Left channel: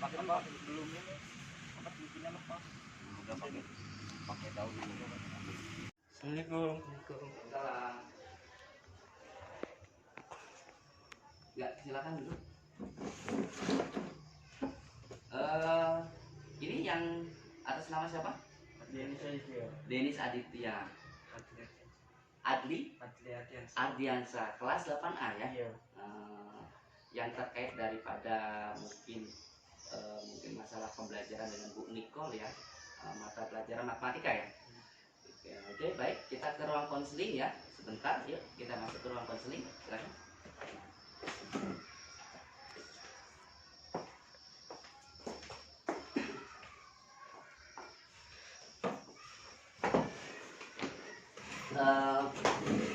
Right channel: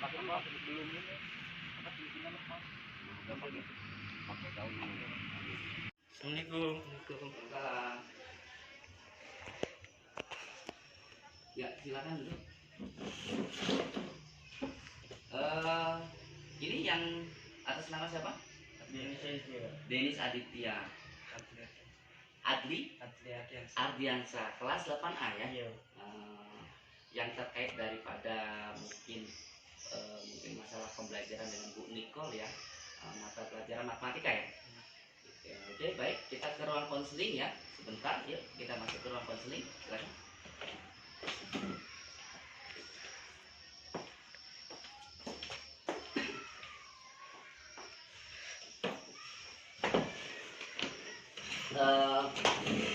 pakai apa belum ini apa tulisannya lepas udah pakai daun dulu. Assalamualaikum. Waalaikumsalam. Ya, silakan duduk. Ini yang atas nama siapa? Denis Aditya. Adli Ardiansa, kelas 8A ya. Iya. Yang terkait daripada mungkin masalah pembelajaran dengan Bu Nicole ya, mata pelajaran matematika ya. Oke, baik, kita ke ruang konseling ya. Sebentar, yuk kita masuk ke ruang konseling. Silakan.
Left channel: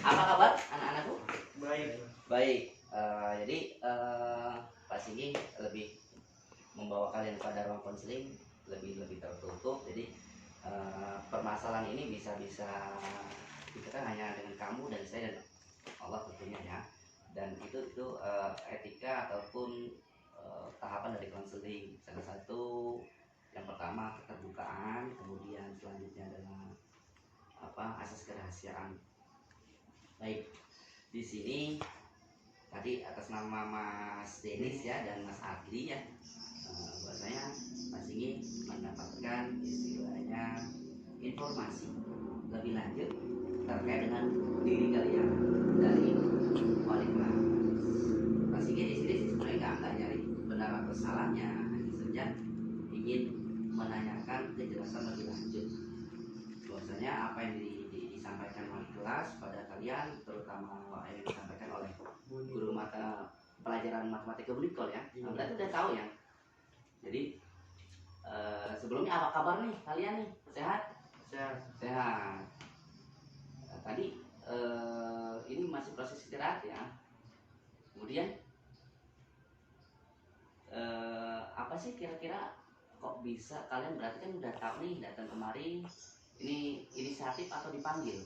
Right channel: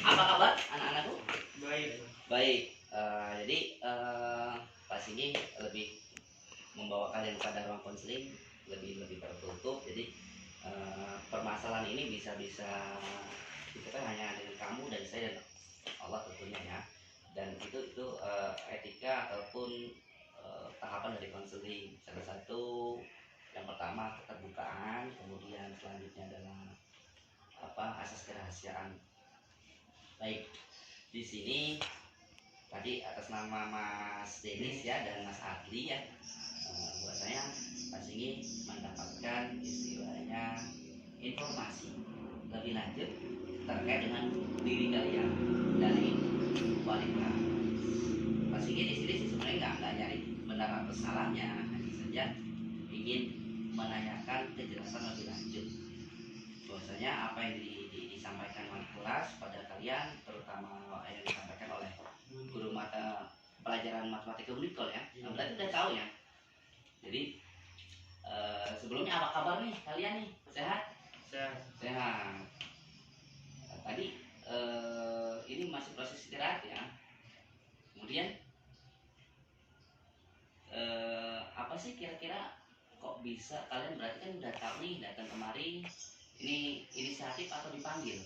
Apa kabar anak-anakku? Baik. Jadi Pak Singgi lebih membawa kalian pada ruang konseling lebih tertutup. Jadi permasalahan ini bisa kita kan hanya dengan kamu dan saya dan Allah tentunya ya. Dan itu etika ataupun tahapan dari konseling. Salah satu yang pertama keterbukaan, kemudian selanjutnya adalah asas kerahasiaan. Baik, di sini tadi atas nama Mas Denis ya dan Mas Adli ya, bahwasanya Mas ini mendapatkan istilahnya informasi lebih lanjut terkait dengan diri kalian dari wali kelas. Mas ini di sini sebenarnya nggak nyari benar atau salahnya, hanya saja ingin menanyakan kejelasan lebih lanjut. Bahwasanya apa yang disampaikan wali kelas pada kalian, terutama yang disampaikan oleh guru mata pelajaran matematika Bu Nicole ya, berarti udah tahu ya. Jadi sebelumnya apa kabar nih kalian nih? Sehat. Tadi ini masih proses istirahat ya. Kemudian apa sih kira-kira kok bisa kalian, berarti kan udah tahu nih datang kemari. Ini inisiatif atau dipanggil?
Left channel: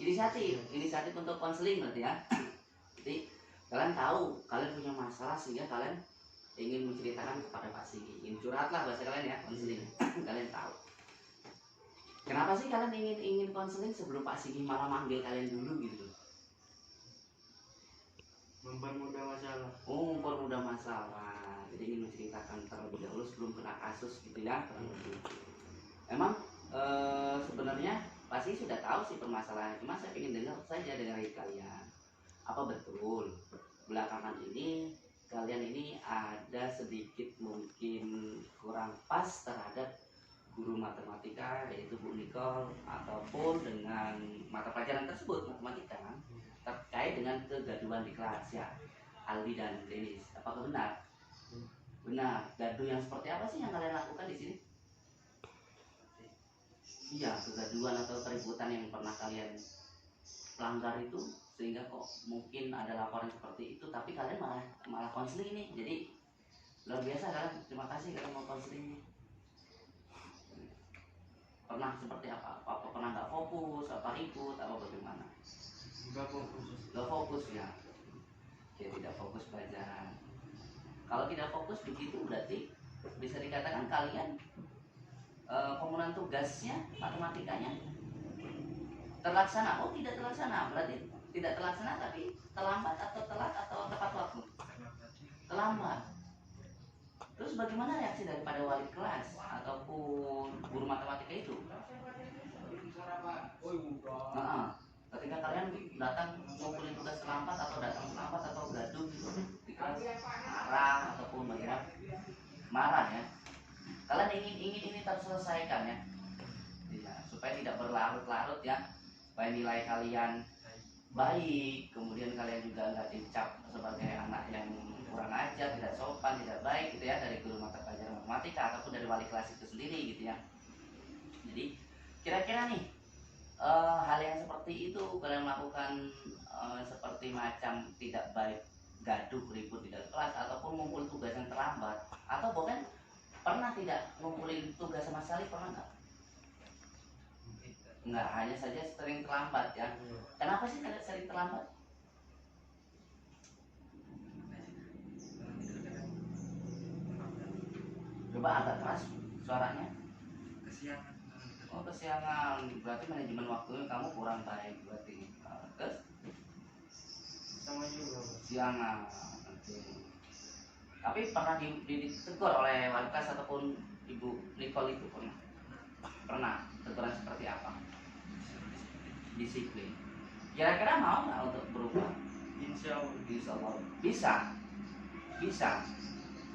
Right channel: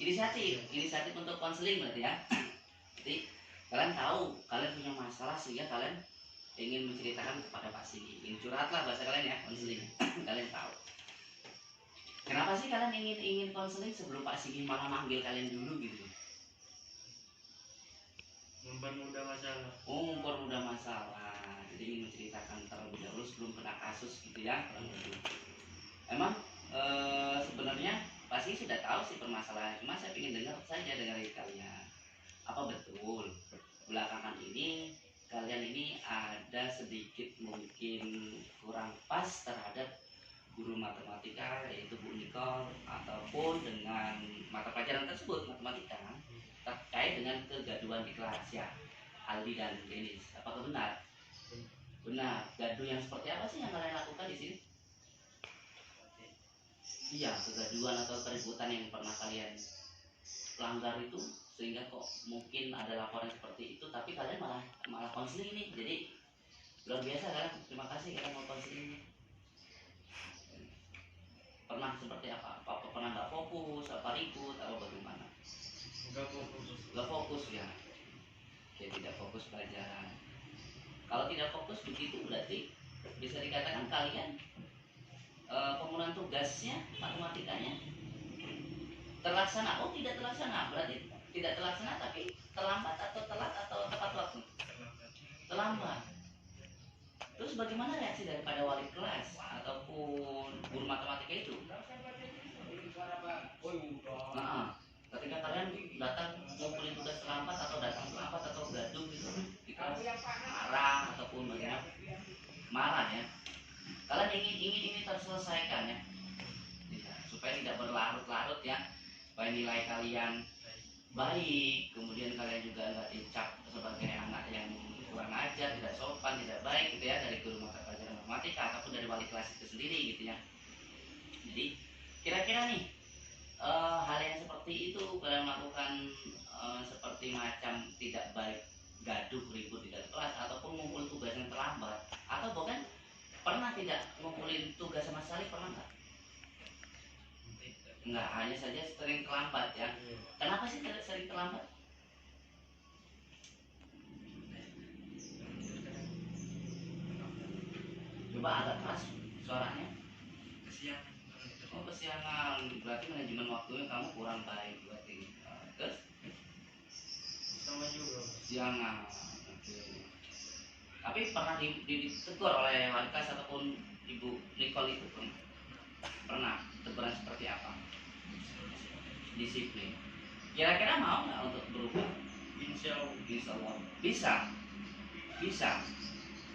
Inisiatif untuk konseling berarti ya. Jadi kalian tahu kalian punya masalah sehingga kalian ingin menceritakan kepada Pak Singgi. Ingin curhat lah bahasa kalian ya, konseling. Kalian tahu. Kenapa sih kalian ingin konseling sebelum Pak Singgi malah manggil kalian dulu gitu? Mempermudah masalah. Oh, mempermudah masalah. Jadi ingin menceritakan terlebih dahulu sebelum kena kasus gitu ya. Emang sebenarnya pasti sudah tahu sih permasalahannya, cuma saya ingin dengar saja dari kalian. Apa betul belakangan ini kalian ini ada sedikit mungkin kurang pas terhadap guru matematika yaitu Bu Nicole, ataupun dengan mata pelajaran tersebut matematika terkait dengan kegaduhan di kelas ya, Aldi dan Denis? Apakah benar? Benar. Gaduh yang seperti apa sih yang kalian lakukan di sini? Iya, kegaduhan atau keributan yang pernah kalian langgar itu sehingga kok mungkin ada laporan seperti itu, tapi kalian malah konseling nih. Jadi luar biasa kalian, terima kasih kalian mau konseling nih. Pernah seperti apa? Apa pernah nggak fokus, apa ribut, apa bagaimana? Nggak fokus ya. Oke, tidak fokus pelajaran. Kalau tidak fokus begitu berarti bisa dikatakan kalian pemenuhan tugasnya matematikanya terlaksana. Oh, tidak terlaksana, berarti tidak terlaksana tapi terlambat atau telat atau tepat waktu? Terlambat. Terus bagaimana reaksi daripada wali kelas ataupun guru matematika itu? Nah, ketika kalian datang ngumpulin tugas terlambat atau datang terlambat atau gaduh gitu di kelas, marah ataupun bagaimana? Marah ya. Kalian ingin ini terselesaikan ya, supaya tidak berlarut-larut ya, supaya nilai kalian baik, kemudian kalian juga nggak dicap sebagai anak yang kurang ajar, tidak sopan, tidak baik gitu ya, dari guru mata pelajaran matematika ataupun dari wali kelas itu sendiri gitu ya. Jadi kira-kira nih hal yang seperti itu kalian melakukan seperti macam tidak baik, gaduh, ribut di dalam kelas ataupun ngumpul tugas yang terlambat, atau bahkan pernah tidak ngumpulin tugas sama sekali, pernah nggak? Enggak, hanya saja sering terlambat ya. Kenapa sih sering terlambat? Coba agak keras suaranya. Kesiangan. Oh kesiangan, berarti manajemen waktunya kamu kurang baik berarti. Terus Sama juga. siangan. Oke. Tapi pernah ditegur oleh wali kelas ataupun Ibu Nicole itu pernah teguran seperti apa? Disiplin. Kira-kira mau nggak untuk berubah? Insya Allah. Insya Allah bisa, bisa.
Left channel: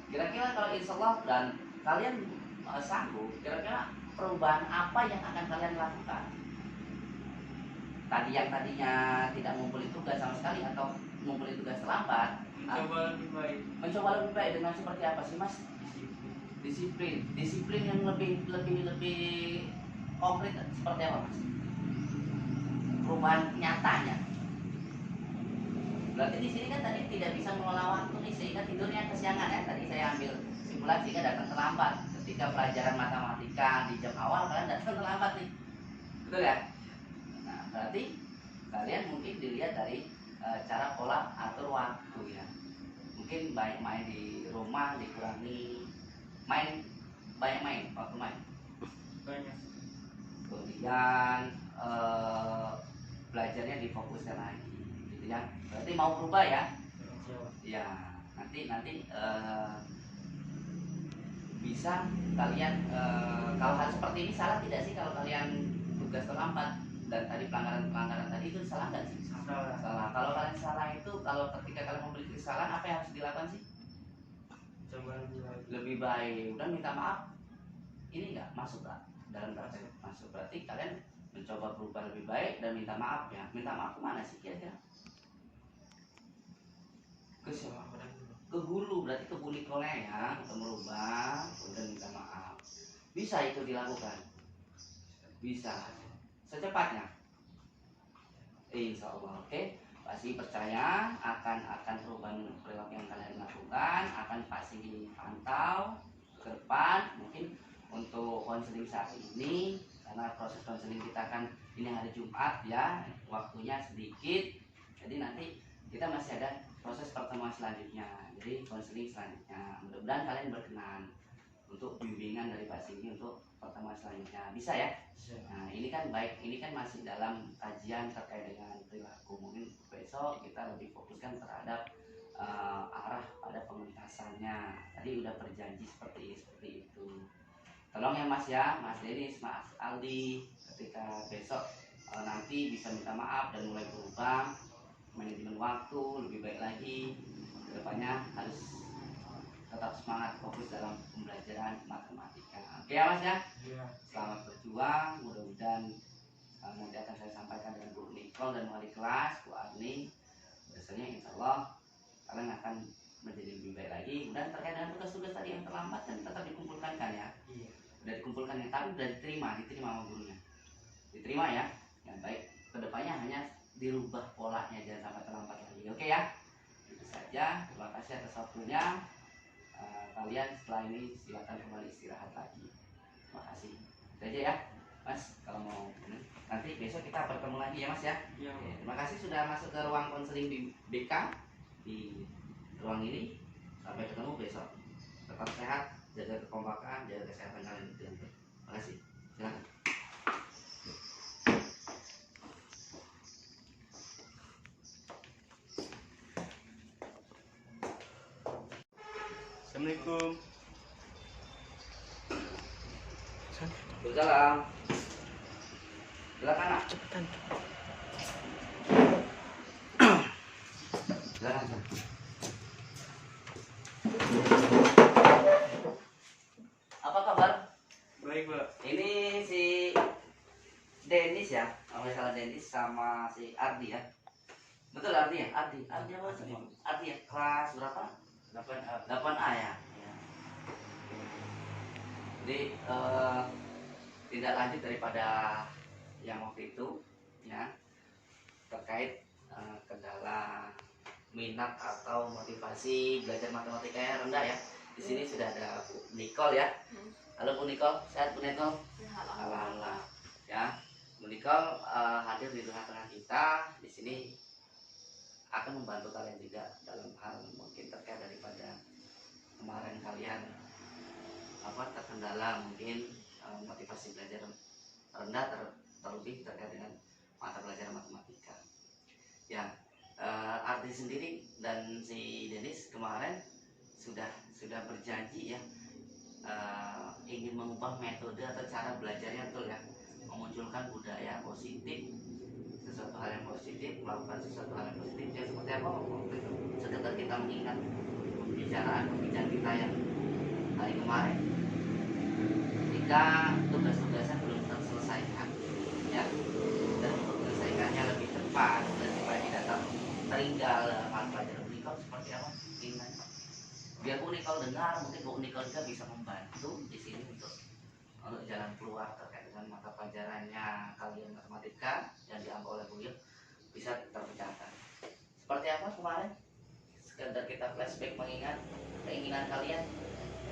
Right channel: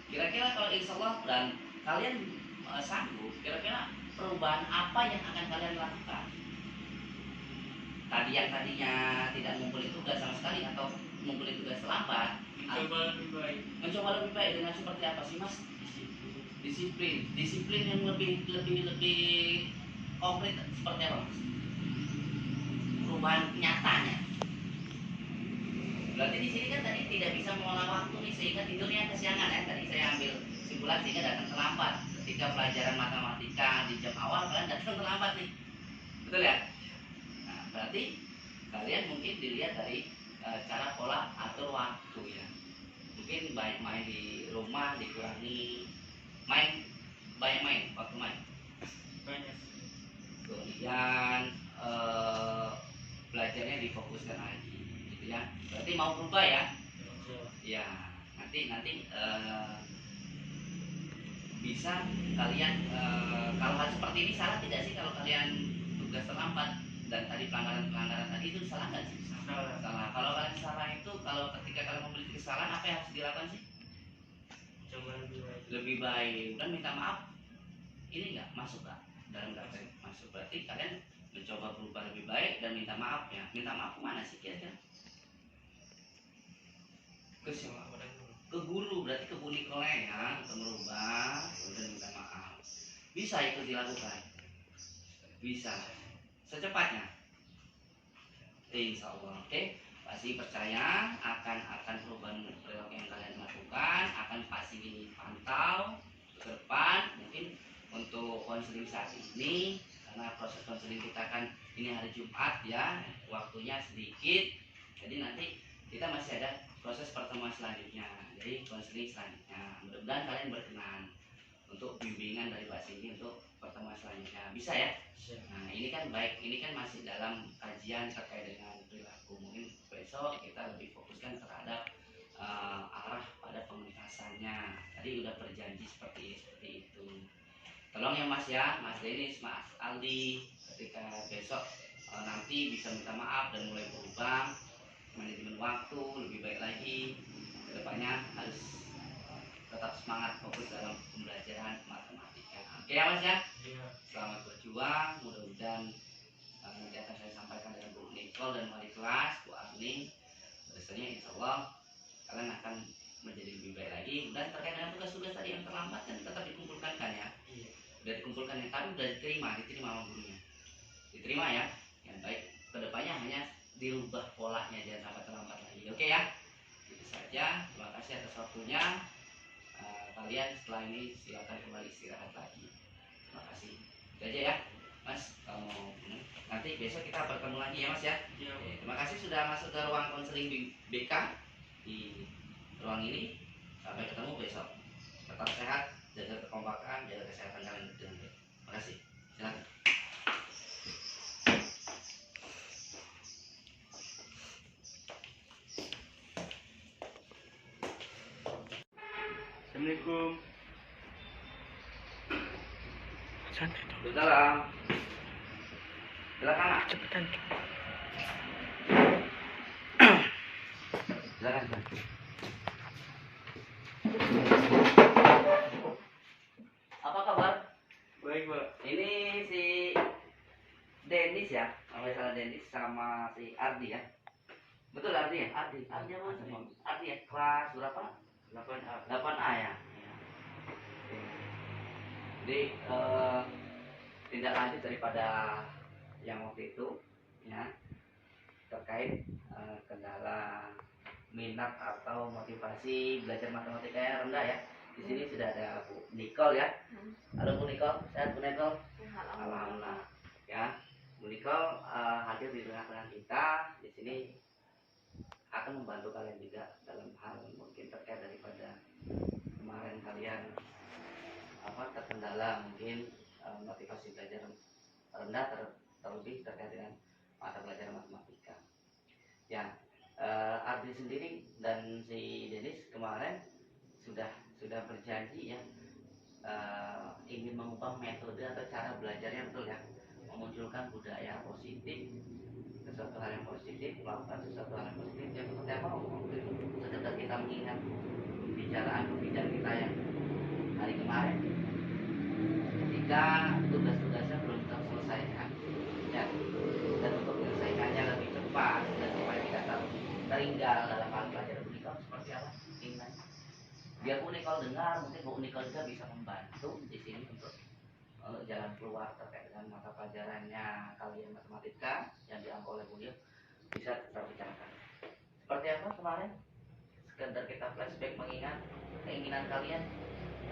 Kira-kira kalau insya Allah dan kalian sanggup, kira-kira perubahan apa yang akan kalian lakukan? Tadi yang tadinya tidak ngumpulin tugas sama sekali atau ngumpulin tugas terlambat, Mencoba lebih baik. mencoba lebih baik dengan seperti apa sih mas? Disiplin yang lebih konkret seperti apa mas? Perubahan nyatanya. Berarti di sini kan tadi tidak bisa mengelola waktu nih sehingga tidurnya kesiangan ya. Tadi saya ambil simpulan sehingga datang terlambat. Ketika pelajaran matematika di jam awal kalian datang terlambat nih, betul ya? Nah berarti kalian mungkin dilihat dari cara pola atur waktu ya. Mungkin banyak main di rumah dikurangi, banyak main waktu main. Banyak. Kemudian belajarnya difokuskan lagi, gitu ya. Berarti mau berubah ya? Ya, nanti bisa kalian kalau hal seperti ini salah tidak sih kalau kalian tugas terlambat dan tadi pelanggaran tadi itu salah nggak sih? Salah. Kalau kalian salah itu kalau ketika kalian memiliki kesalahan apa yang harus dilakukan sih? Coba lebih baik. Lebih baik dan minta maaf. Ini nggak masuk nggak dalam daftar masuk? Berarti kalian mencoba berubah lebih baik dan minta maaf ya. Minta maaf kemana sih kira-kira? Ke guru, berarti ke Bu Nicole ya, untuk merubah dan minta maaf. Bisa itu dilakukan? Bisa. Secepatnya. Insya Allah, oke. Pasti percaya akan perubahan perilaku yang kalian lakukan, akan pasti dipantau ke depan. Mungkin untuk konseling saat ini, karena proses konseling kita kan ini hari Jumat ya, waktunya sedikit. Jadi nanti kita masih ada proses pertemuan selanjutnya, jadi konseling selanjutnya. Mudah-mudahan kalian berkenan untuk bimbingan dari Pak Sindi untuk pertemuan selanjutnya. Bisa ya? Bisa. Nah ini kan baik, ini kan masih dalam kajian terkait dengan perilaku. Mungkin besok kita lebih fokuskan terhadap arah pada pengentasannya. Tadi udah berjanji seperti itu. Tolong ya Mas ya, Mas Denis, Mas Aldi, ketika besok nanti bisa minta maaf dan mulai berubah manajemen waktu lebih baik lagi. Kedepannya harus tetap semangat fokus dalam pembelajaran matematika. Oke ya Mas ya? Iya. Selamat berjuang, mudah-mudahan nanti akan saya sampaikan dengan Bu Nicole dan wali kelas, Bu Arni. Biasanya insya Allah kalian akan menjadi lebih baik lagi. Dan terkait dengan tugas-tugas tadi yang terlambat kan tetap dikumpulkan kan ya? Iya. Udah dikumpulkan yang tadi udah diterima sama gurunya. Diterima ya? Yang baik. Kedepannya hanya dirubah polanya, jangan sampai terlambat lagi. Oke ya? Itu saja. Terima kasih atas waktunya. Kalian setelah ini silakan kembali istirahat lagi. Terima kasih. Itu aja ya, Mas. Kalau mau nanti besok kita bertemu lagi ya, Mas ya. Iya. Oke, terima kasih sudah masuk ke ruang konseling di BK di ruang ini. Sampai ketemu besok. Tetap sehat, jaga kekompakan, jaga kesehatan kalian dengan baik. Terima kasih. Silakan. Assalamualaikum. Waalaikumsalam. Silakan, Nak. Cepetan. Silakan. Apa kabar? Baik, Pak. Ini si Denis ya, kalau nggak salah Denis sama si Ardi ya. Betul Ardi ya? Ardi apa sih? Ardi ya, kelas berapa? 8A. 8A ya. Jadi tindak lanjut daripada yang waktu itu ya, terkait kendala minat atau motivasi belajar matematika yang rendah ya. Di sini sudah ada Bu Nicole ya. Halo Bu Nicole, sehat Bu Nicole? Alhamdulillah. Ya, Bu Nicole hadir di tengah-tengah kita. Di sini akan membantu kalian juga dalam hal mungkin terkait daripada kemarin kalian terkendala mungkin motivasi belajar rendah terlebih terkait dengan mata pelajaran matematika. Ya, Ardi sendiri dan si Denis kemarin sudah berjanji ya, ingin mengubah metode atau cara belajarnya, betul ya, memunculkan budaya positif, sesuatu hal yang positif, melakukan sesuatu hal yang positif. Ya seperti apa waktu itu, sekedar kita mengingat pembicaraan kita yang hari kemarin, ketika tugas-tugasnya belum terselesaikan ya, dan untuk menyelesaikannya lebih cepat dan supaya tidak tertinggal dalam hal pelajaran Unikal, seperti apa keinginannya. Biar Bu Nicole dengar, mungkin Bu Nicole juga bisa membantu di sini untuk jalan keluar terkait dengan mata pelajarannya kalian matematika yang diambil oleh beliau bisa terbicarakan. Seperti apa kemarin? Sekedar kita flashback mengingat keinginan kalian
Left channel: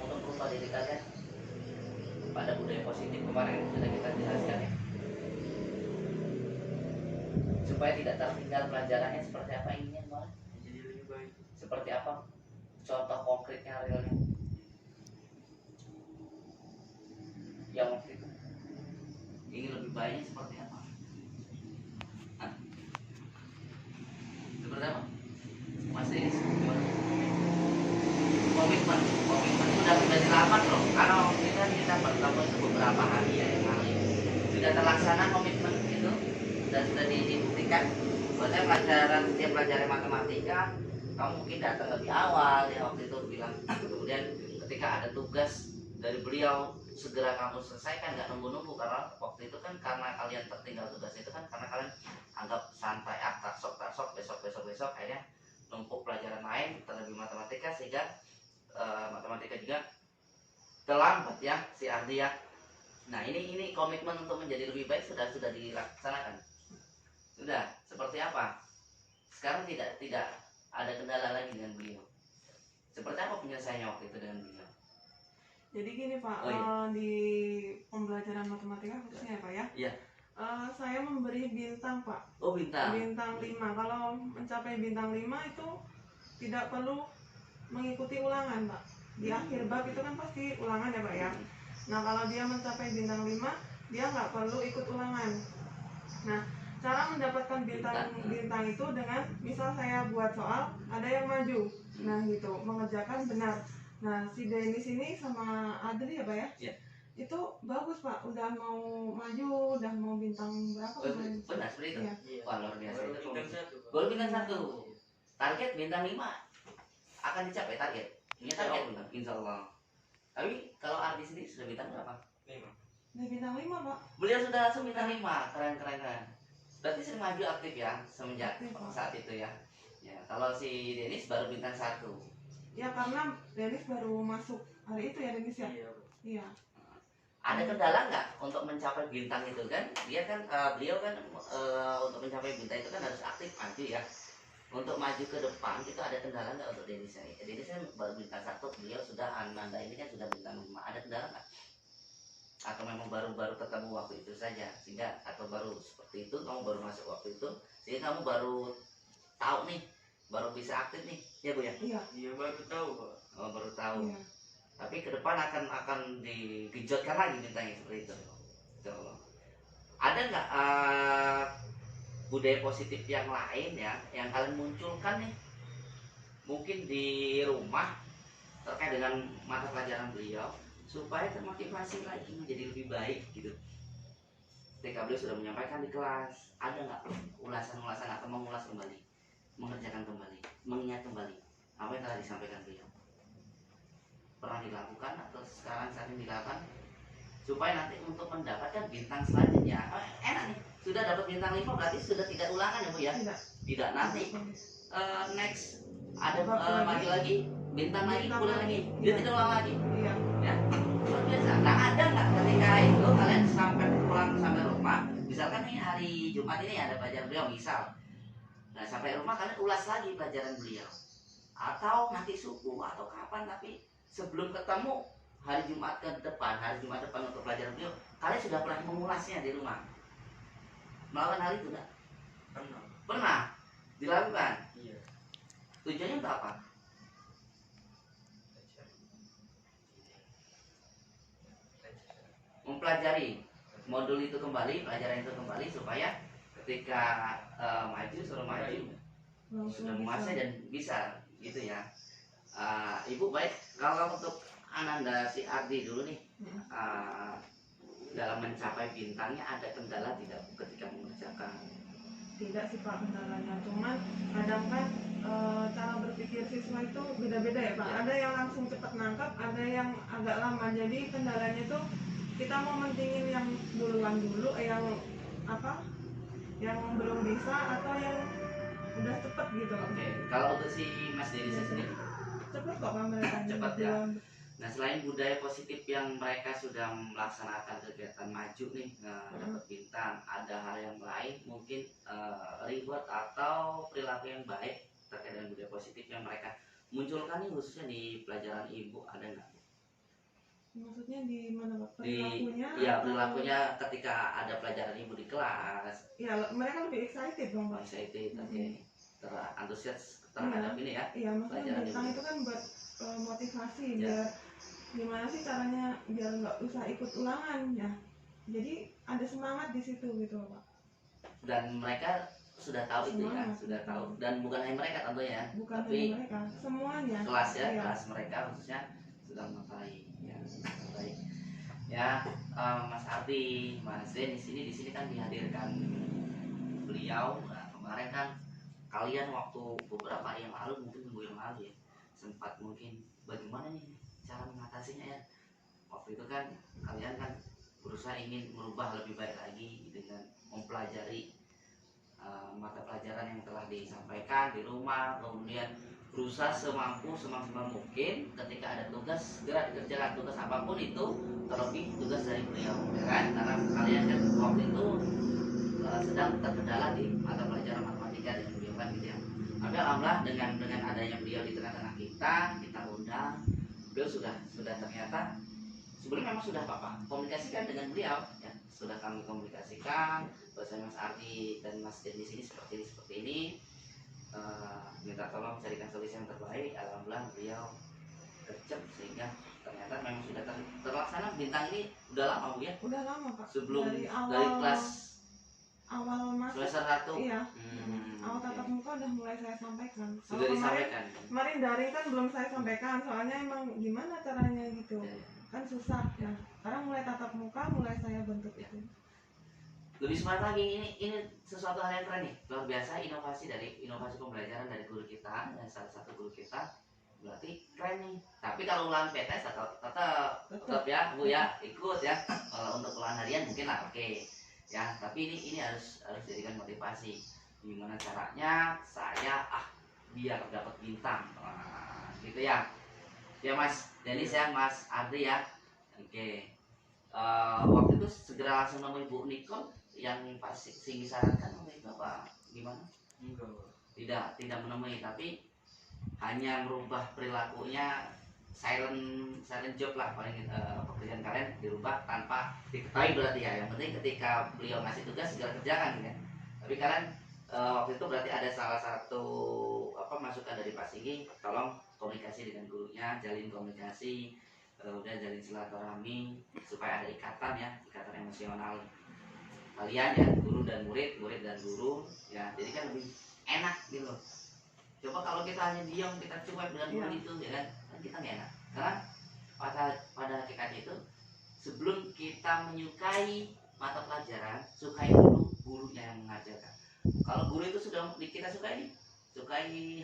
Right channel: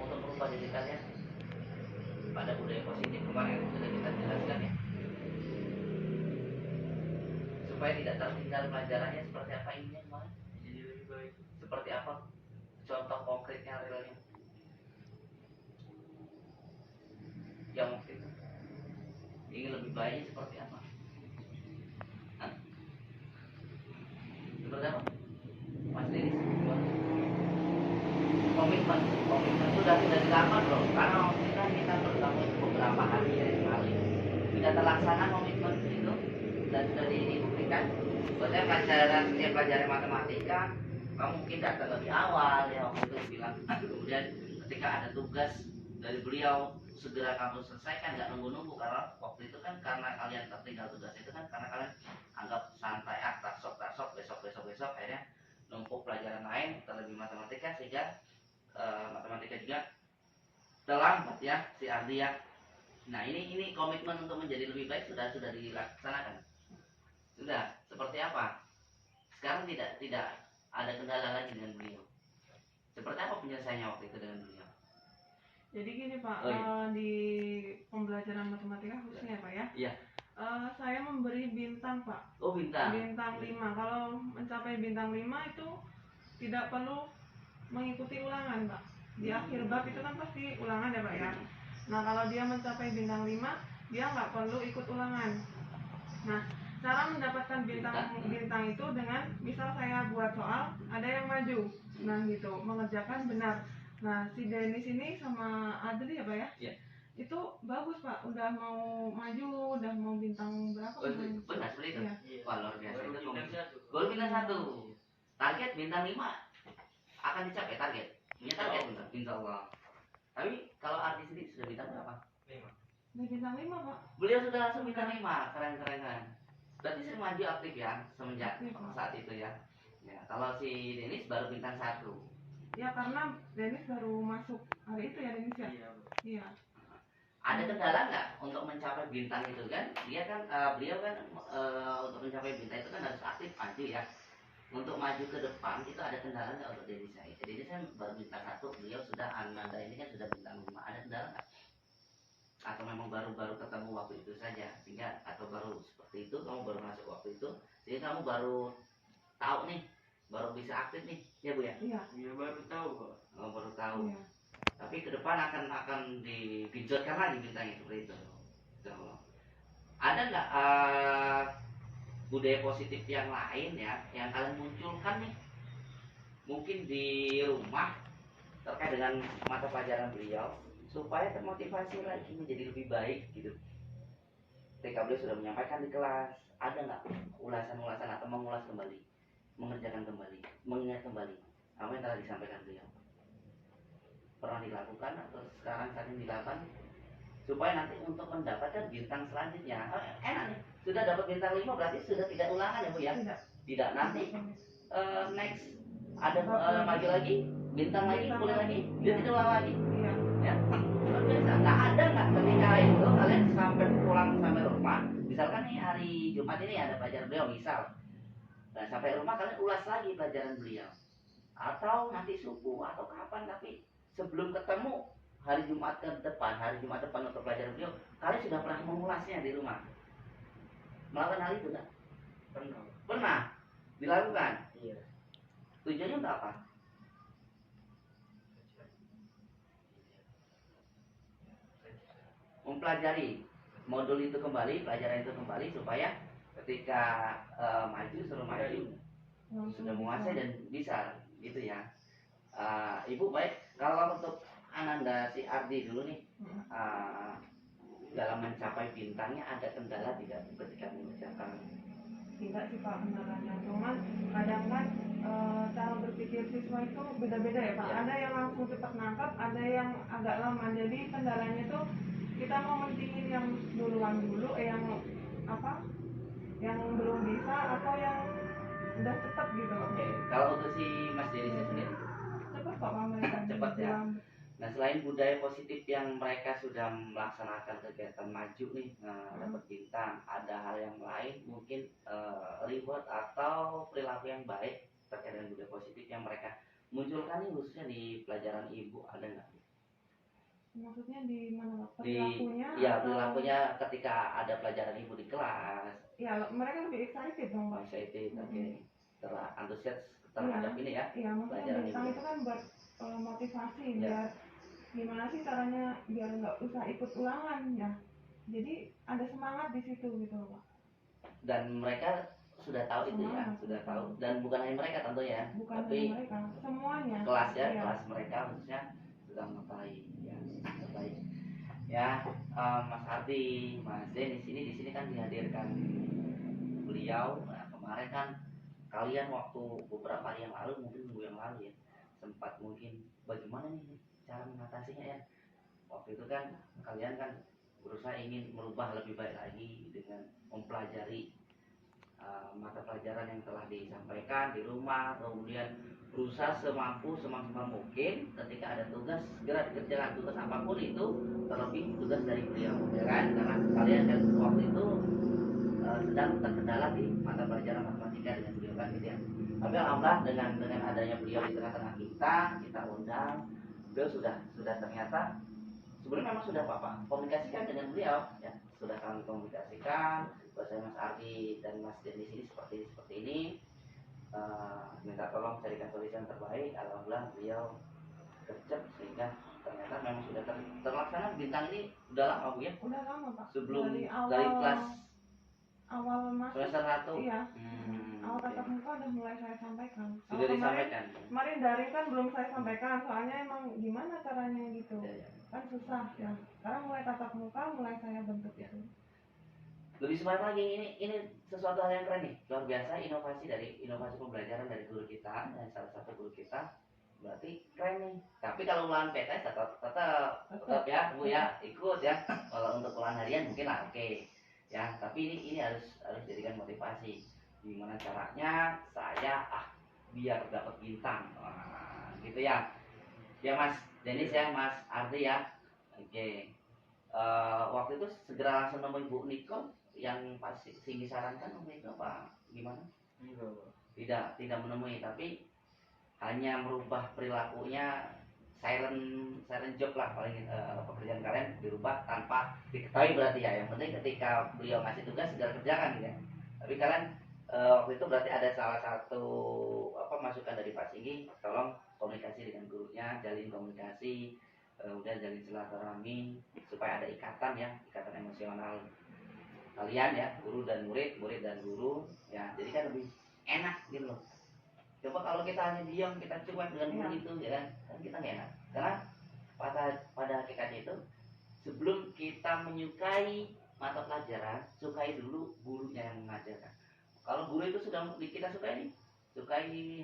untuk merubah diri kalian pada budaya positif kemarin sudah kita jelaskan ya. Supaya tidak tertinggal pelajarannya, seperti apa inginnya kemarin? Jadi lebih baik. Seperti apa? Contoh konkretnya, realnya yang waktu itu ingin lebih baiknya seperti apa? Hah? Seperti apa? Mas Denis, gimana? Komitmen sudah dilakukan loh, karena waktu itu kan kita bertemu itu beberapa hari ya yang lalu. Sudah terlaksana komitmen itu dan sudah dibuktikan. Bahwasanya setiap pelajaran matematika kamu mungkin datang lebih awal ya waktu itu bilang, kemudian ketika ada tugas dari beliau segera kamu selesaikan, nggak nunggu-nunggu, karena waktu itu kan karena kalian tertinggal tugas itu kan karena kalian anggap santai, tarsok besok akhirnya numpuk pelajaran lain terlebih matematika, sehingga matematika juga terlambat ya si Ardi ya. Nah ini komitmen untuk menjadi lebih baik sudah dilaksanakan. Sudah seperti apa? Sekarang tidak ada kendala lagi dengan beliau. Seperti apa penyelesaiannya waktu itu dengan beliau? Jadi gini Pak, Oh, iya. di pembelajaran matematika khususnya ya Pak ya. Iya. Saya memberi bintang Pak. Oh bintang. Bintang 5. Kalau mencapai bintang 5 itu tidak perlu mengikuti ulangan Pak. Di akhir bab itu kan pasti ulangan ya Pak ya. Nah kalau dia mencapai bintang 5, dia nggak perlu ikut ulangan. Nah cara mendapatkan bintang itu dengan misal saya buat soal, ada yang maju, nah gitu, mengerjakan benar. Nah si Denis ini sama Adri ya Pak ya, Iya. itu bagus Pak, udah mau maju, udah mau bintang berapa kemarin? Benar seperti itu. Iya. Wah luar biasa Baru itu. bintang 1. Baru bintang 1. Target bintang 5 akan dicapai, target. Punya target bintang, insya Allah. Tapi kalau Ardi sendiri sudah bintang berapa? 5. Udah bintang 5 Pak. Beliau sudah langsung bintang 5, keren. Berarti sering maju aktif ya semenjak saat itu ya. Ya kalau si Denis baru bintang 1. Ya karena Denis baru masuk hari itu ya Denis ya. Iya. Ada kendala nggak untuk mencapai bintang itu kan? Dia kan beliau kan untuk mencapai bintang itu kan harus aktif maju ya. Untuk maju ke depan itu ada kendala nggak untuk Denis? Denis kan baru bintang 1, beliau sudah Ananda ini kan sudah bintang 5. Ada kendala nggak? Atau memang baru ketemu waktu itu saja sehingga, atau baru seperti itu kamu baru masuk waktu itu sehingga kamu baru tahu nih, baru bisa aktif nih ya Bu ya? Iya baru tahu Pak. Oh, baru tahu. Iya. Tapi ke depan akan digejotkan lagi bintangnya seperti itu. So, ada nggak budaya positif yang lain ya yang kalian munculkan nih mungkin di rumah terkait dengan mata pelajaran beliau supaya termotivasi lagi menjadi lebih baik gitu? Ketika beliau sudah menyampaikan di kelas, ada nggak ulasan-ulasan atau mengulas kembali, mengerjakan kembali, mengingat kembali apa yang telah disampaikan beliau? Pernah dilakukan atau sekarang saat ini dilakukan supaya nanti untuk mendapatkan bintang selanjutnya enak nih, sudah dapat bintang 5 berarti sudah tidak ulangan ya Bu ya? Tidak nanti next ada maju lagi bintang lagi, kuliah lagi, dia tidak ulang lagi. Iya. Ya luar biasa. Nah ada nggak ketika itu kalian sampai pulang sampai rumah, misalkan nih hari Jumat ini ada pelajaran beliau misal, nah sampai rumah kalian ulas lagi pelajaran beliau, atau nanti subuh atau kapan, tapi sebelum ketemu hari Jumat depan untuk pelajaran beliau, kalian sudah pernah mengulasnya di rumah? Melakukan hal itu nggak? Pernah dilakukan. Iya. Tujuannya untuk apa? mempelajari modul itu kembali, pelajaran itu kembali supaya ketika suruh maju sudah menguasai dan bisa gitu ya. Ibu baik, kalau untuk Ananda si Ardi dulu nih, dalam mencapai bintangnya ada kendala tidak ketika mengerjakan? Tidak sih Pak kendalanya, cuman kadang kan cara berpikir siswa itu beda-beda ya Pak. Ya. Ada yang langsung cepat nangkap, ada yang agak lama. Jadi kendalanya tuh kita mau mentingin yang duluan dulu, yang apa? Yang belum bisa atau yang udah cepet gitu. Oke, kalau untuk si Mas Denisa sendiri Cepet kok Pak mereka. Cepet ya. Dalam- Nah, selain budaya positif yang mereka sudah melaksanakan kegiatan maju nih, dapat bintang, ada hal yang lain mungkin reward atau perilaku yang baik terkait dengan budaya positif yang mereka munculkan nih, khususnya di pelajaran ibu, ada nggak? Maksudnya di mana Pak? Di Perilakunya? ya atau- perilakunya ketika ada pelajaran ibu di kelas, Ya mereka lebih excited dong Pak. excited, oke, terantusias terhadap ini ya. Iya, maksudnya Pelajaran bintang juga. itu kan buat motivasi, Ya. biar gimana sih caranya biar nggak usah ikut ulangan ya. Jadi ada semangat di situ gitu loh Pak. Dan mereka sudah tahu itu ya, Semangat. sudah tahu, dan bukan hanya mereka tentunya, Bukan tapi hanya mereka, semuanya. kelas ya, Iya. kelas mereka khususnya sudah mengetahui ya. Baik ya, Mas Ardi, Mas Den di sini kan dihadirkan beliau. Nah, kemarin kan kalian waktu beberapa hari yang lalu, mungkin minggu yang lalu ya, sempat mungkin bagaimana nih cara mengatasinya ya. Waktu itu kan kalian kan berusaha ingin merubah lebih baik lagi dengan mempelajari mata pelajaran yang telah disampaikan di rumah, kemudian berusaha semaksimal mungkin ketika ada tugas segera dikerjakan, tugas apapun itu, terlebih tugas dari beliau ya kan, karena kalian kan waktu itu sedang terkendala di mata pelajaran matematika dengan beliau kan gitu ya. Tapi alhamdulillah dengan adanya beliau di tengah-tengah kita undang, beliau sudah ternyata sebelumnya memang sudah Bapak komunikasikan dengan beliau ya, sudah kami komunikasikan bahwa Mas Ardi dan Mas Den di sini seperti ini, minta tolong carikan solusi yang terbaik. Alhamdulillah beliau gercep sehingga ternyata memang sudah terlaksana. Bintang ini udah lama Bu ya, Udah lama Pak. sebelum dari dari kelas awal masuk. semester 1 Iya. Awal tatap muka udah mulai saya sampaikan. sudah Kalau disampaikan. Kemarin daring kan belum saya sampaikan, soalnya emang gimana caranya gitu. Ya, ya. Kan susah ya. Sekarang mulai tatap muka, mulai saya bentuk Ya. itu. Lebih semangat lagi, ini sesuatu hal yang keren nih, luar biasa inovasi pembelajaran dari guru kita, dan salah satu guru kita berarti keren nih. Tapi kalau ulangan PTS tetap ya Bu ya, ikut ya. Kalau untuk ulangan harian mungkin lah oke ya, tapi ini harus jadikan motivasi. Gimana caranya saya biar dapat bintang, gitu ya Mas Denis ya, Mas Ardi ya, oke. Waktu itu segera langsung nemui Bu Nicole yang pas Singgi sarankan waktu itu apa gimana? Enggak, Pak. Tidak menemui, tapi hanya merubah perilakunya, silent job lah paling, pekerjaan kalian dirubah tanpa diketahui berarti ya. Yang penting ketika beliau ngasih tugas segera kerjakan gitu ya. Tapi kalian waktu itu berarti ada salah satu masukan dari Pak Singgi, tolong komunikasi dengan gurunya, jalin komunikasi, udah jalin silaturahmi supaya ada ikatan emosional kalian ya, guru dan murid dan guru ya, jadi kan lebih enak gitu loh. Coba kalau kita hanya diam, kita cuek dengan guru itu ya kan kita nggak enak, karena pada hakikatnya itu sebelum kita menyukai mata pelajaran, sukai dulu gurunya yang mengajarkan. Kalau guru itu sudah kita sukai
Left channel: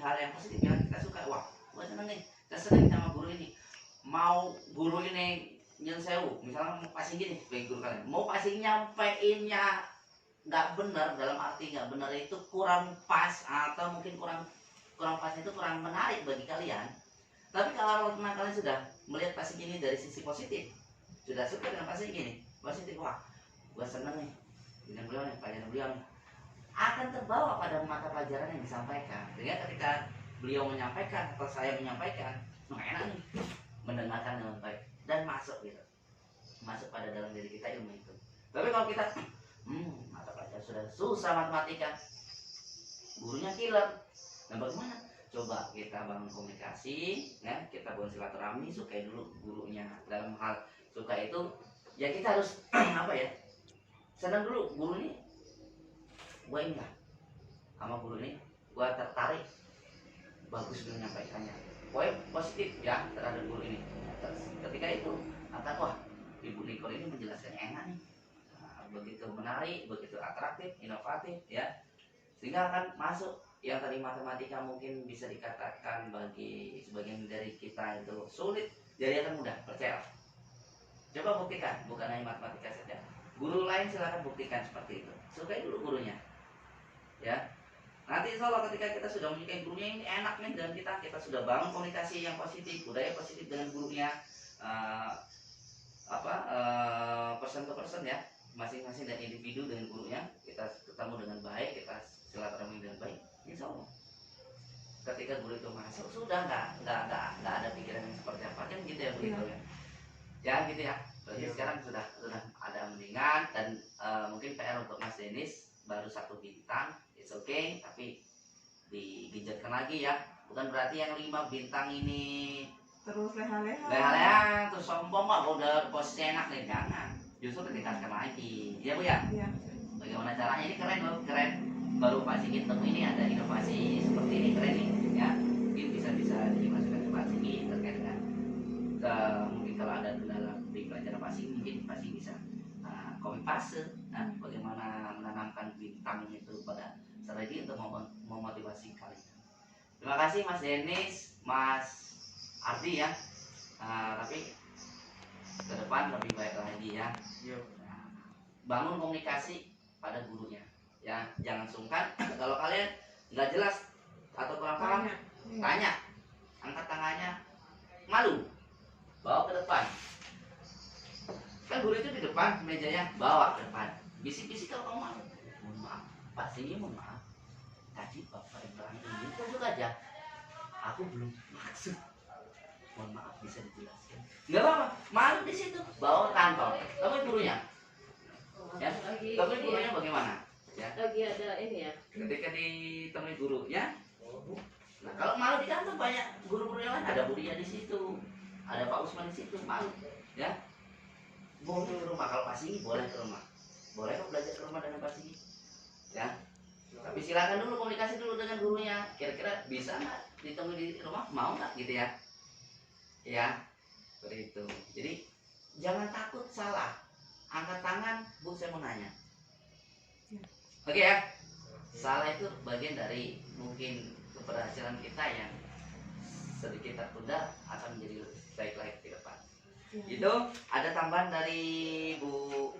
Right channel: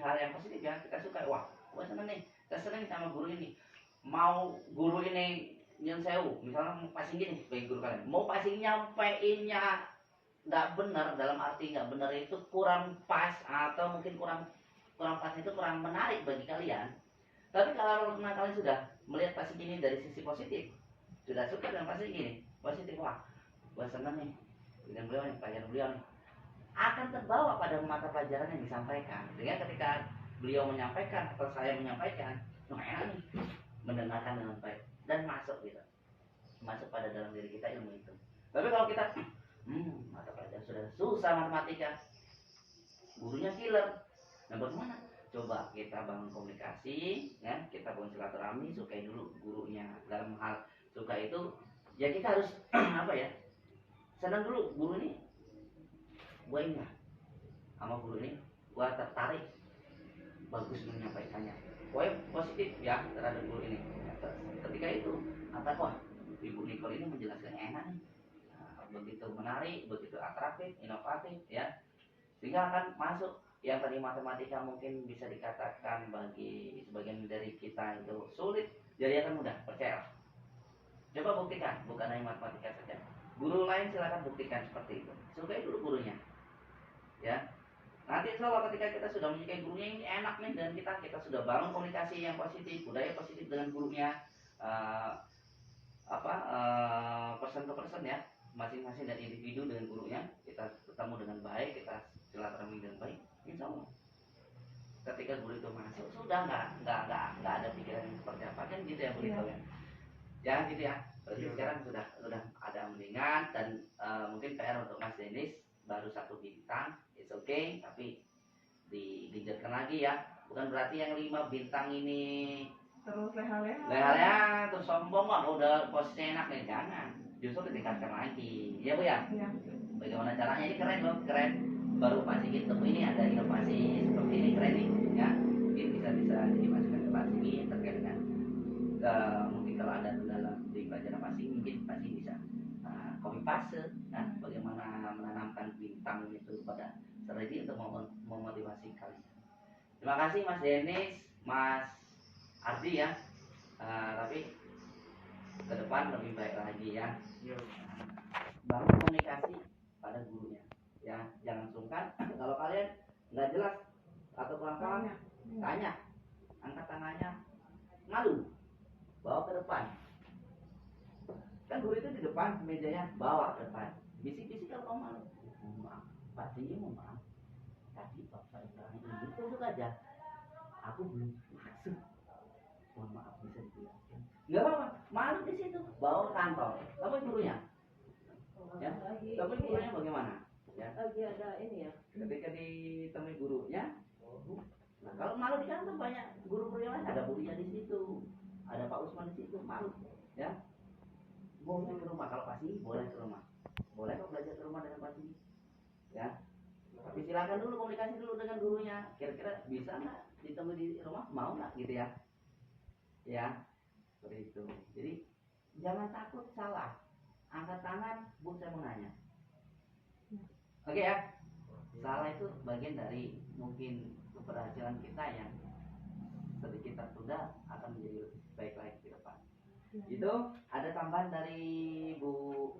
hal yang positif yang kita sukai, wah gua seneng nih, kita seneng sama guru ini. Mau guru ini yang sewu, misalnya passing gini bagi guru kalian, mau passing nyampeinnya nggak benar, dalam arti nggak benar itu kurang pas, atau mungkin kurang pas itu kurang menarik bagi kalian. Tapi kalau kalian sudah melihat passing ini dari sisi positif, sudah suka dengan passing gini positif, wah gua seneng nih dengan beliau nih, pelajaran beliau nih, akan terbawa pada mata pelajaran yang disampaikan. Sehingga ketika beliau menyampaikan atau saya menyampaikan, enak nih mendengarkan dengan baik dan masuk pada dalam diri kita ilmu itu. Tapi kalau kita mata pelajaran sudah susah matematika, gurunya killer, nah bagaimana? Coba kita bangun komunikasi ya, kita bangun silaturahmi, sukai dulu gurunya. Dalam hal suka itu ya kita harus apa ya, senang dulu guru nih, gue ingat sama guru nih, gue tertarik, bagus menyampaikannya, gue positif ya terhadap guru ini. Nah, ketika itu kata, wah Ibu Nicole ini menjelaskan enak nih. Nah, begitu menarik, begitu atraktif, inovatif ya, sehingga akan masuk yang tadi matematika mungkin bisa dikatakan bagi sebagian dari kita itu sulit, jadi akan mudah, percaya. Coba buktikan, bukan hanya matematika saja, guru lain silakan buktikan seperti itu, sukai dulu gurunya ya. Nanti insya Allah ketika kita sudah menyukai gurunya, ini enak nih, dan kita sudah bangun komunikasi yang positif, budaya positif dengan gurunya, person to person ya, masing-masing dan individu dengan gurunya, kita ketemu dengan baik, kita silaturahmi dengan baik, insya Allah ketika guru itu masuk sudah nggak ada pikiran yang seperti apa kan gitu ya Bu Nicole ya. Ya gitu ya. Berarti sekarang sudah ada mendingan, dan mungkin PR untuk Mas Denis baru 1 bintang, it's okay, tapi digenjotkan lagi ya. Bukan berarti yang 5 bintang ini terus leha-leha terus sombong mah udah posisinya enak nih, jangan. Justru ditingkatkan lagi. Ya Bu ya. iya. Bagaimana caranya, ini keren loh, keren. Baru Pak Sigit temu ini ada inovasi seperti ini, keren nih ya. Mungkin bisa dimasukkan ke Pak Sigit terkait dengan mungkin kalau ada kendala di pelajaran Pak Sigit, mungkin Pak Sigit bisa copy paste bagaimana menanamkan bintang itu pada strategi untuk memotivasi kalian. Terima kasih Mas Denis, Mas Ardi ya. Tapi ke depan lebih baik lagi ya. Bangun komunikasi pada gurunya ya, jangan sungkan. Kalau kalian nggak jelas atau kurang paham, tanya, angkat tangannya, malu, bawa ke depan. Kan guru itu di depan mejanya, bawa ke depan, bisik-bisik kalau kamu malu. Mohon maaf Pak Sini, mohon maaf, tadi Bapak yang terang ini tunjuk aja, aku belum maksud, mohon maaf bisa dijelaskan. Nggak apa-apa, malu di situ, bawa kantong, kamu gurunya. Ya, tapi gurunya bagaimana? Ya. Lagi ada ini ya. Ketika ditemui gurunya, nah kalau malu di kantor banyak guru-guru yang lain, ada Bu Ria di situ, ada Pak Usman di situ, malu, ya. Boleh ke rumah, kalau Pak Sini boleh ke rumah, boleh kok belajar ke rumah dengan Pak Sini, ya. Tapi silakan dulu komunikasi dulu dengan gurunya, kira-kira bisa nggak ditemui di rumah, mau nggak gitu ya, ya, seperti itu. Jadi jangan takut salah. Angkat tangan, Bu, saya mau nanya. Oke ya. Salah itu bagian dari mungkin keberhasilan kita yang sedikit tertunda akan menjadi lebih baik lagi ke depan. Itu ada tambahan dari Bu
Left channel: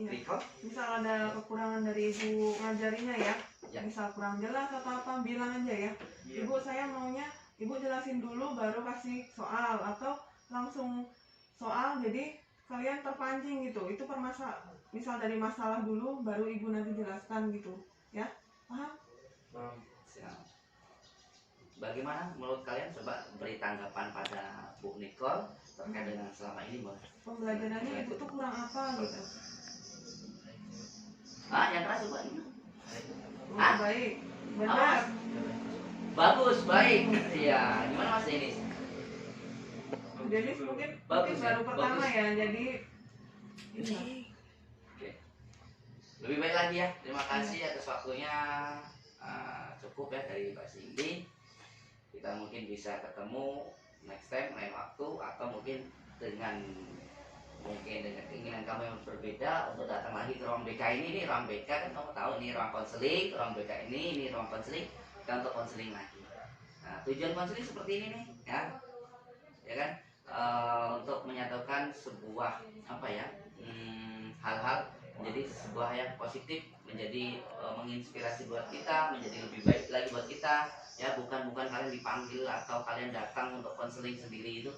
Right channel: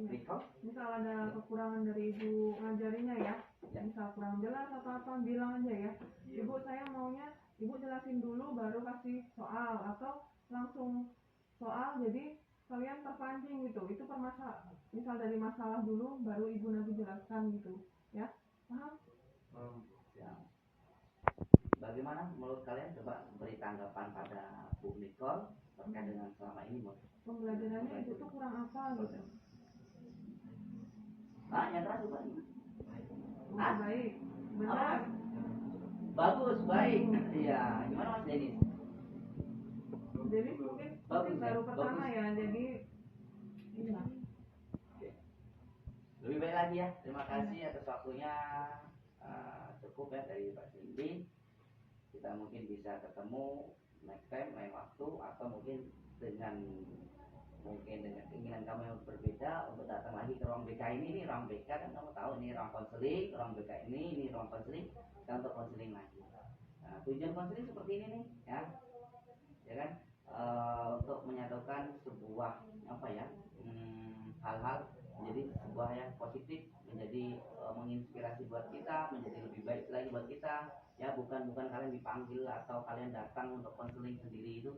Nicole? Misal ada kekurangan dari ibu ngajarinya ya, misal kurang jelas atau apa, bilang aja ya, Ibu saya maunya Ibu jelasin dulu baru kasih soal, atau langsung soal jadi kalian terpancing gitu. Itu misal dari masalah dulu baru Ibu nanti jelaskan gitu ya, paham? Bagaimana menurut kalian, coba beri tanggapan pada Bu Nicole terkait dengan selama ini pembelajarannya Ibu tuh kurang apa gitu. Yang keras coba ini. Baik, benar, bagus, baik. Iya, gimana Mas Denis? Denis mungkin Bagus ya, baru pertama bagus. ya, jadi ini. Oke. Lebih baik lagi ya. Terima kasih atas waktunya. Cukup ya dari Pak Cindy. Kita mungkin bisa ketemu next time lain waktu, atau mungkin dengan keinginan kamu yang berbeda untuk datang lagi ke ruang BK ini. Ini ruang BK kan kamu tahu, ini ruang konseling, ruang BK ini ruang konseling, kita untuk konseling lagi. Nah, tujuan konseling seperti ini nih ya kan, untuk menyatukan sebuah hal-hal menjadi sebuah yang positif, menjadi menginspirasi buat kita, menjadi lebih baik lagi buat kita ya. Bukan kalian dipanggil atau kalian datang untuk konseling sendiri itu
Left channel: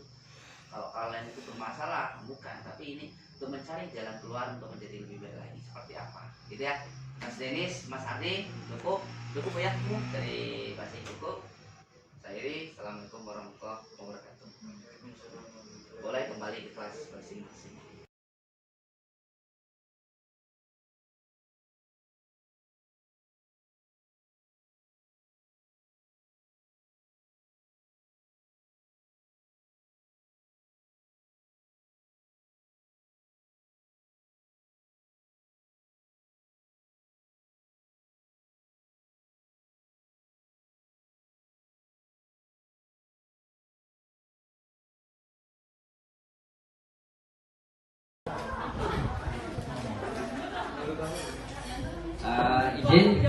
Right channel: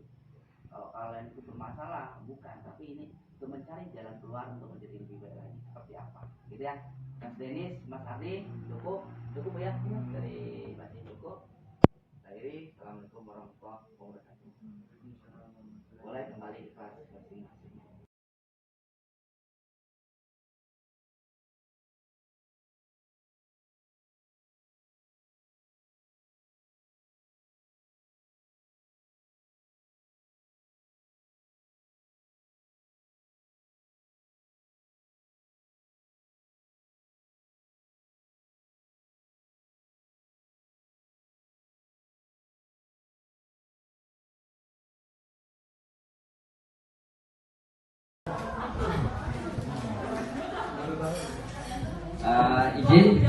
kalau kalian itu bermasalah, bukan, tapi ini untuk mencari jalan keluar untuk menjadi lebih baik lagi seperti apa gitu ya. Mas Denis, Mas Ardi, cukup ya dari Mas cukup. Saya Iri, assalamualaikum warahmatullahi wabarakatuh. Boleh kembali ke kelas masing-masing. Izin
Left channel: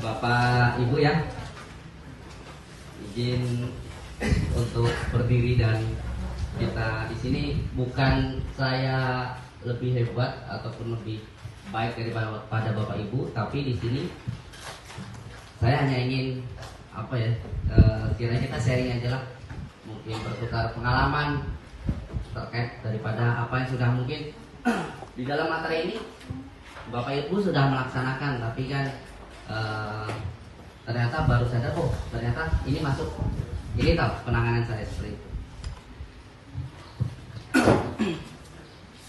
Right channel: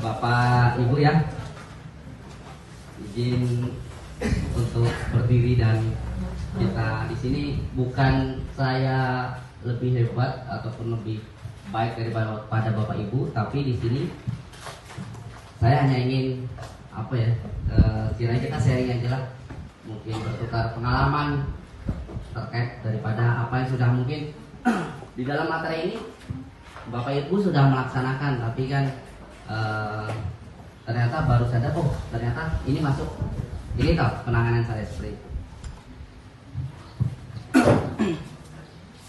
Bapak Ibu ya, izin untuk berdiri, dan kita di sini bukan saya lebih hebat ataupun lebih baik daripada Bapak Ibu, tapi di sini saya hanya ingin kiranya kita sharing aja lah, mungkin bertukar pengalaman terkait daripada apa yang sudah mungkin di dalam materi ini Bapak Ibu sudah melaksanakan, tapi kan ternyata baru sadar, oh ternyata ini masuk, ini tahu penanganan saya seperti itu.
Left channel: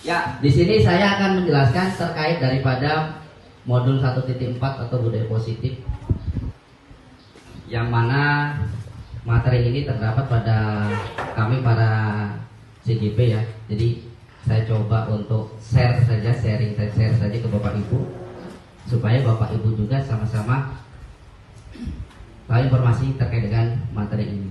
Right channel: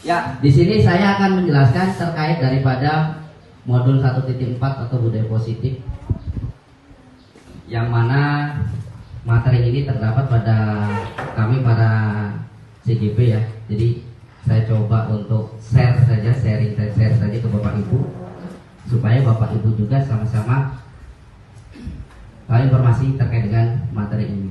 Ya, di sini saya akan menjelaskan terkait daripada modul 1.4 atau budaya positif, yang mana materi ini terdapat pada kami para CGP ya. Jadi saya coba untuk share saja ke Bapak Ibu, supaya Bapak Ibu juga sama-sama tahu informasi terkait dengan materi ini.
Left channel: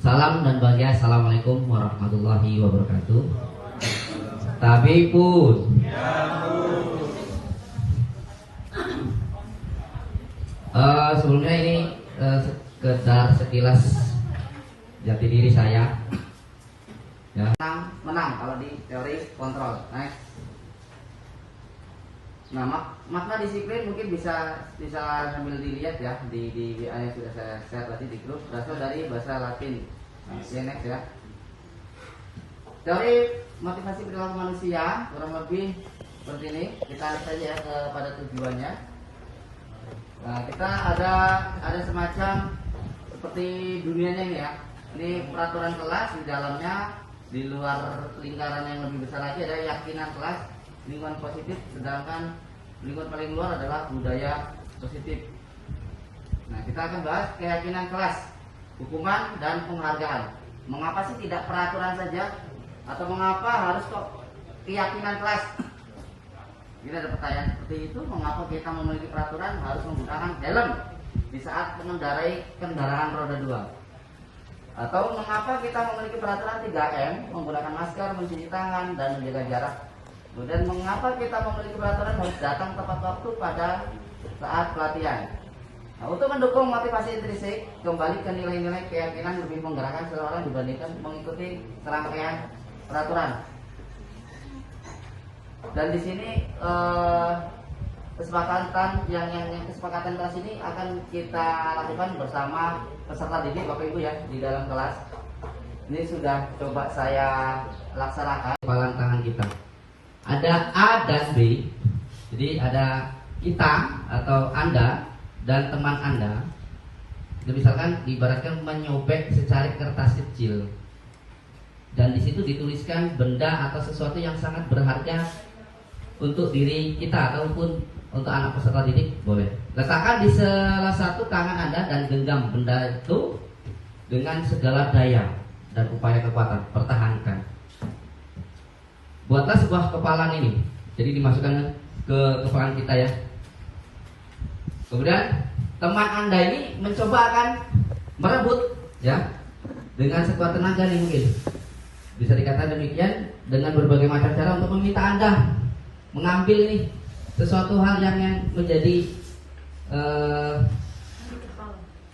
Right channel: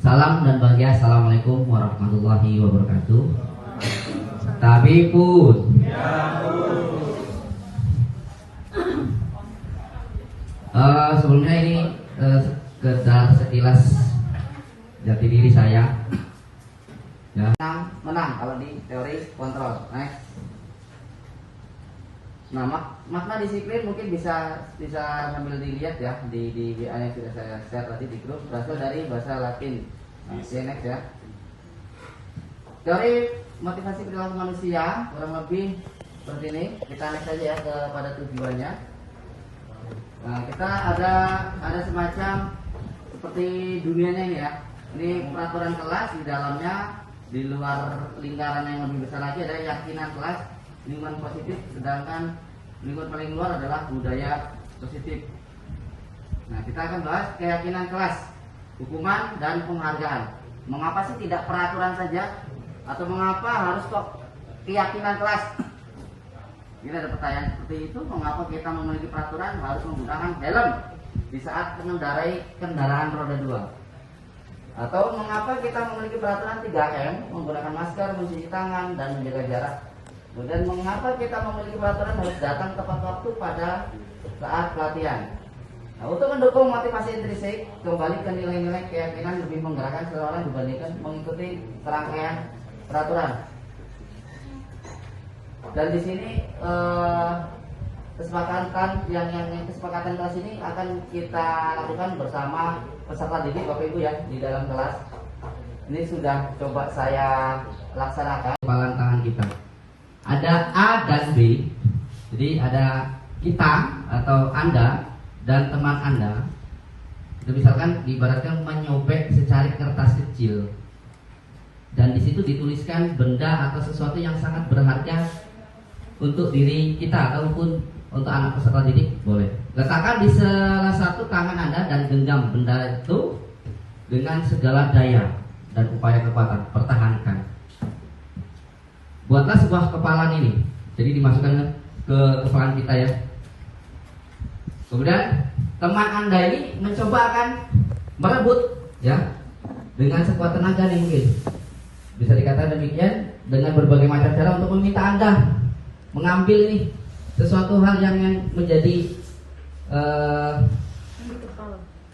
Salam dan bahagia. Assalamualaikum warahmatullahi wabarakatuh. Tabipun. Sebelumnya ini sekedar sekilas jati diri saya. Ya. Menang kalau di teori kontrol. Next. Nah, makna disiplin mungkin bisa sambil dilihat ya di WA yang sudah saya share tadi di grup, berasal dari bahasa Latin. Nah, next ya. Teori motivasi perilaku manusia kurang lebih seperti ini. Kita next saja ya kepada tujuannya. Nah, kita ada semacam seperti dunianya ini ya. Ini peraturan kelas, di dalamnya di luar lingkaran yang lebih besar lagi ada keyakinan kelas, lingkungan positif, sedangkan lingkungan paling luar adalah budaya positif. Nah, kita akan bahas keyakinan kelas, hukuman dan penghargaan. Mengapa sih tidak peraturan saja, atau mengapa harus kok keyakinan kelas? Ini ada pertanyaan seperti itu. Mengapa kita memiliki peraturan harus menggunakan helm di saat mengendarai kendaraan roda 2? Atau mengapa kita memiliki peraturan 3M, menggunakan masker, mencuci tangan, dan menjaga jarak? Kemudian mengapa kita memiliki peraturan harus datang tepat waktu pada saat pelatihan? Nah, untuk mendukung motivasi intrinsik, kembali ke nilai-nilai keyakinan lebih menggerakkan seseorang dibandingkan mengikuti serangkaian peraturan. Dan di sini kesepakatan kelas ini akan kita lakukan bersama peserta didik Bapak Ibu ya di dalam kelas. Ini sudah coba saya laksanakan. Kepalan tangan kita. Ada A dan B. Jadi ada kita atau Anda dan teman Anda. Itu misalkan diibaratkan menyobek secari kertas kecil. Dan di situ dituliskan benda atau sesuatu yang sangat berharga untuk diri kita ataupun untuk anak peserta didik, boleh. Letakkan di salah satu tangan Anda dan genggam benda itu dengan segala daya dan upaya kekuatan. Pertahankan. Buatlah sebuah kepalan ini. Jadi dimasukkan ke kepalan kita ya. Kemudian teman Anda ini mencoba akan merebut ya dengan sekuat tenaga nih mungkin. Bisa dikatakan demikian dengan berbagai macam cara untuk meminta Anda mengambil nih sesuatu hal yang menjadi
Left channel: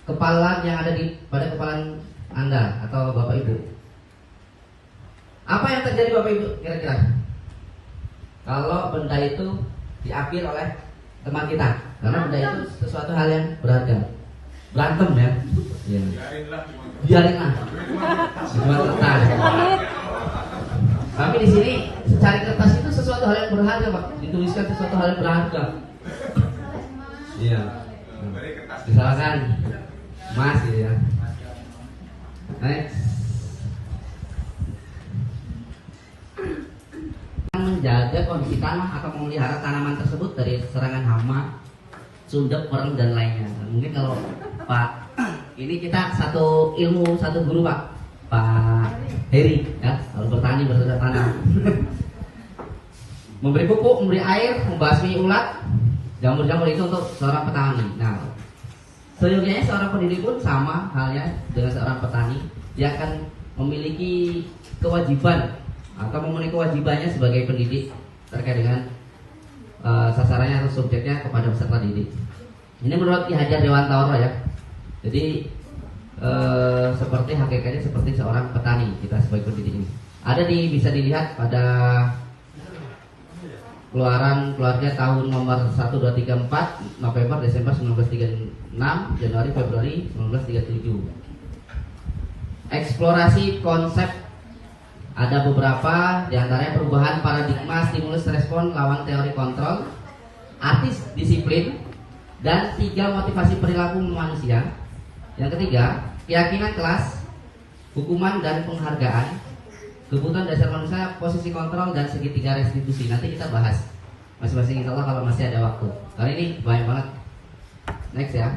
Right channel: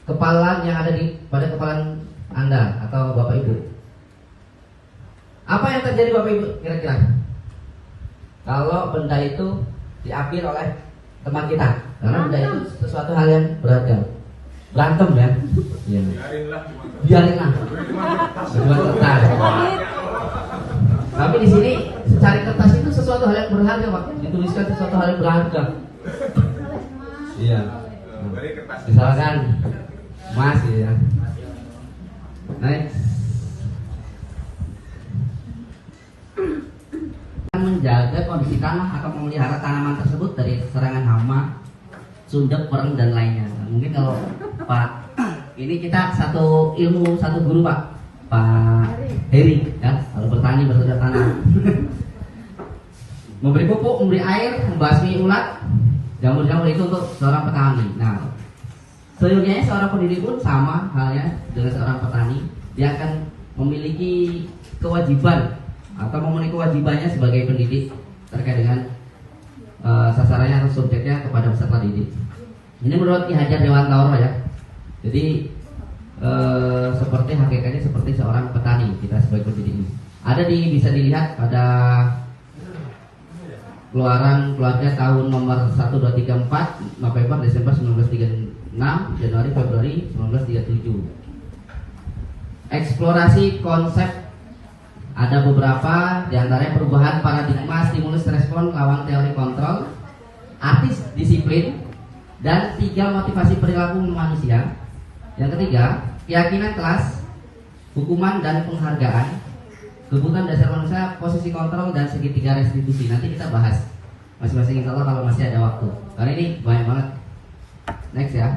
kepalan yang ada pada kepalan Anda atau Bapak Ibu. Apa yang terjadi Bapak Ibu kira-kira kalau benda itu diambil oleh teman kita? Karena benda itu sesuatu hal yang berharga. Berantem ya? Iya. Biarinlah. Cuma kertas. Tapi di sini secari kertas itu sesuatu hal yang berharga, Pak. Dituliskan sesuatu hal yang berharga. Iya. Misalkan emas ya. Next. Menjaga kondisi tanah atau memelihara tanaman tersebut dari serangan hama, sundep, pereng dan lainnya. Nah, mungkin kalau Pak, ini kita satu ilmu, satu guru Pak Heri ya, kalau bertani bercocok tanam. Memberi pupuk, memberi air, membasmi ulat, jamur-jamur itu untuk seorang petani. Nah, seyogianya seorang pendidik pun sama halnya dengan seorang petani. Dia akan memiliki kewajiban atau memenuhi kewajibannya sebagai pendidik terkait dengan sasarannya atau subjeknya kepada peserta didik. Ini menurut Ki Hajar Dewantoro ya. Jadi seperti hakikatnya seperti seorang petani kita sebagai pendidik ini. Ada bisa dilihat pada keluaran keluarga tahun nomor 1234 November Desember 1936 Januari Februari 1937. Eksplorasi konsep ada beberapa diantaranya perubahan paradigma stimulus respon lawan teori kontrol, artis disiplin, dan 3 motivasi perilaku manusia. Yang ketiga, keyakinan kelas, hukuman dan penghargaan, kebutuhan dasar manusia, posisi kontrol, dan segitiga restitusi. Nanti kita bahas masing-masing insya Allah kalau masih ada waktu. Kali ini banyak banget. Next ya.